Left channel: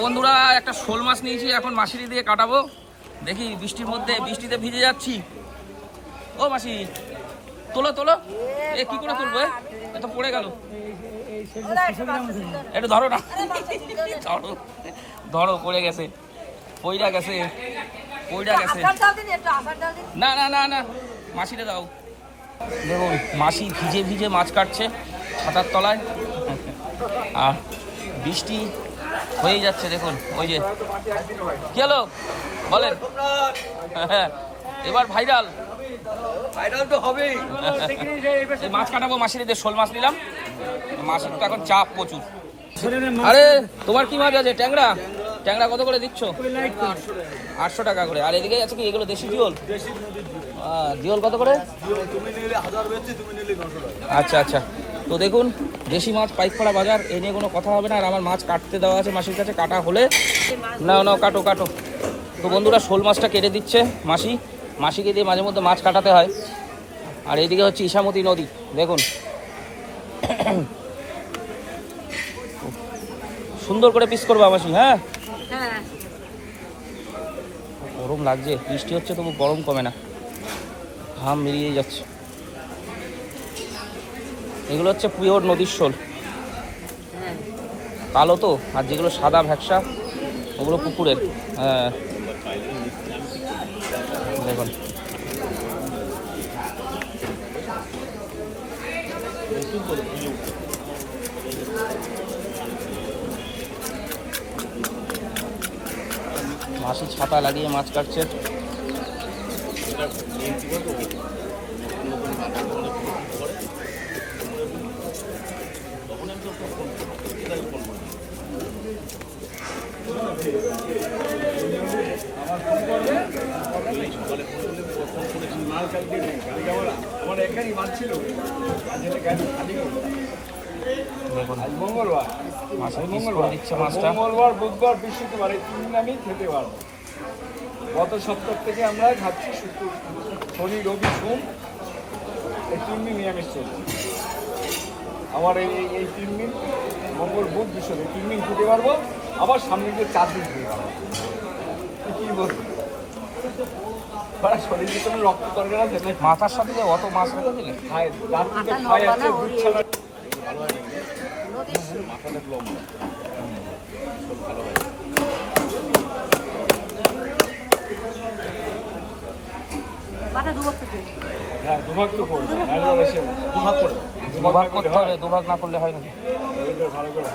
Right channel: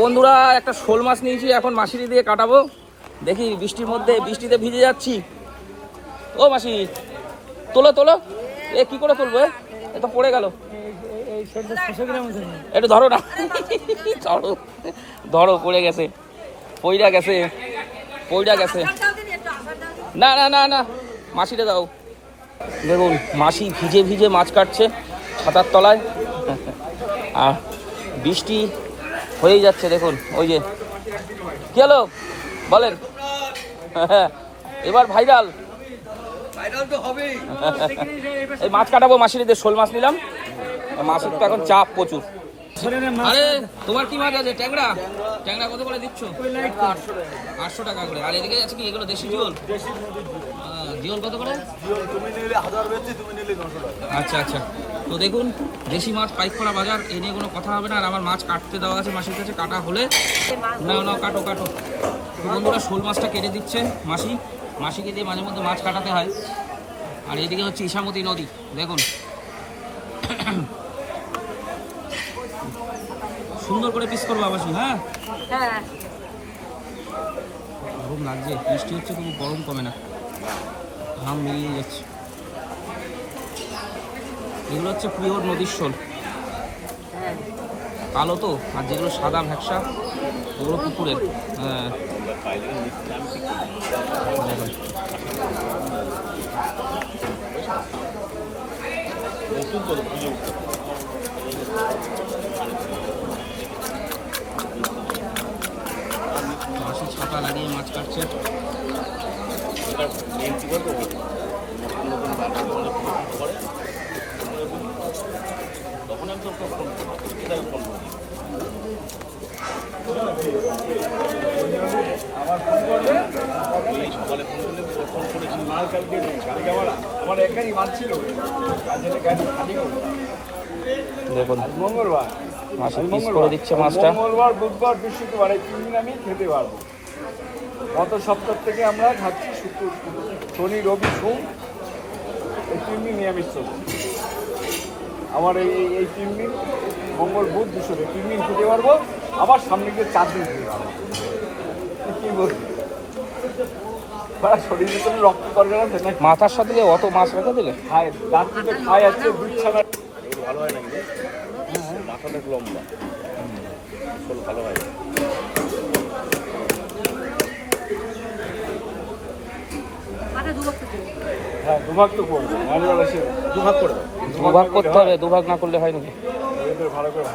বন্ধুরা একটা শোল মাছ নিয়েছি, এখন মাসিরি দিয়ে কাটাবো। দেখি বৃষ্টির মধ্যে, বৃষ্টিতে ভিজে যাচ্ছি। ও মাসি, তোলো তোলো। এ কি করে তুলবো? এত পড়ে গেল। একটু ধরো না, ধরো ধরো, পড়ে গেছে, পইড়া গেছে, পইড়া গেছে। না না না না, মাসিটা দাও। দেখুন মাসি ভিজে ভিজে মাছ কাটছে খাতার তলায়, আর বৃষ্টি হয়ে যাচ্ছে। দেখুন ওই যে কি হলো বলেন, এবার ভাইরাল তো হবেই। এই মাছ কাটাবো মাসিদের, শোল মাছ নিলাম। মাছের তো এখন চাপ প্রচুর। আরে তোমার কি মাছ আছে? ট্যাংরা। ট্যাংরা কত করে দিচ্ছ? 800 টাকা করে। আর এদিকে আছে কি এগুলো? দেশি জিওল। জিওল কত করে? আচ্ছা আচ্ছা। তো দেখুন দেশি মাছ পাইকপাড়া বাজার, এ নিয়ে কোনো কথা হবে না। আর আমার মাছ কাটতে দেওয়া আছে মাসির কাছে, কাটা হলে না না কাটো কাটো। তো বন্ধুরা শোল মাছটা কেটে দিচ্ছে মাসি, মাসিকে দিয়ে মাঝে মধ্যে মাছ কাটাতে হয়। আর এইদিকে হচ্ছে ইসামতি নদী, দেখুন সুন্দর করে পিস করবো মাসি। হ্যাঁ গরম লাগছে, বৃষ্টি হচ্ছে তবু গরম কমে না, ঘাম বেরিয়ে যাচ্ছে। এগুলো হচ্ছে পিওর নদীর শোল, কালো তো। আর যেগুলো সাদা ভ্যাকসা ওগুলো পুকুরের। হ্যাঁ দেখুন মাসি ছাতা লাগিয়ে মাছ কাটছে। আমার এখানেই মাছ ছিল, দিচ্ছে মাছটা। মঙ্গলবার, বুধবার, বৃহস্পতিবার এই 3 দিন আমি খেতে পারবো। গত সপ্তাহ থেকে আমরা খাচ্ছি শনি, রবি, সোম, এই 3 দিন নিরামিষ চলছে। আমার এই 3 দিন মঙ্গল, বুধ, বৃহস্পতি 3 দিন খেতে পারবো। আবার সামনে গিয়ে 4 দিন খেতে পারবো। কি বলবো, শরীরে কোনো রক্ত করবে না। মাথার সাথে অত মাছ কত দিলে? অনেক লম্বা, ভালো হয়। দুভাগ তো করবো, দুভাগ করে, দুভাগ করতে হবে। দুভাগ না করলে হয় না। ভালো করে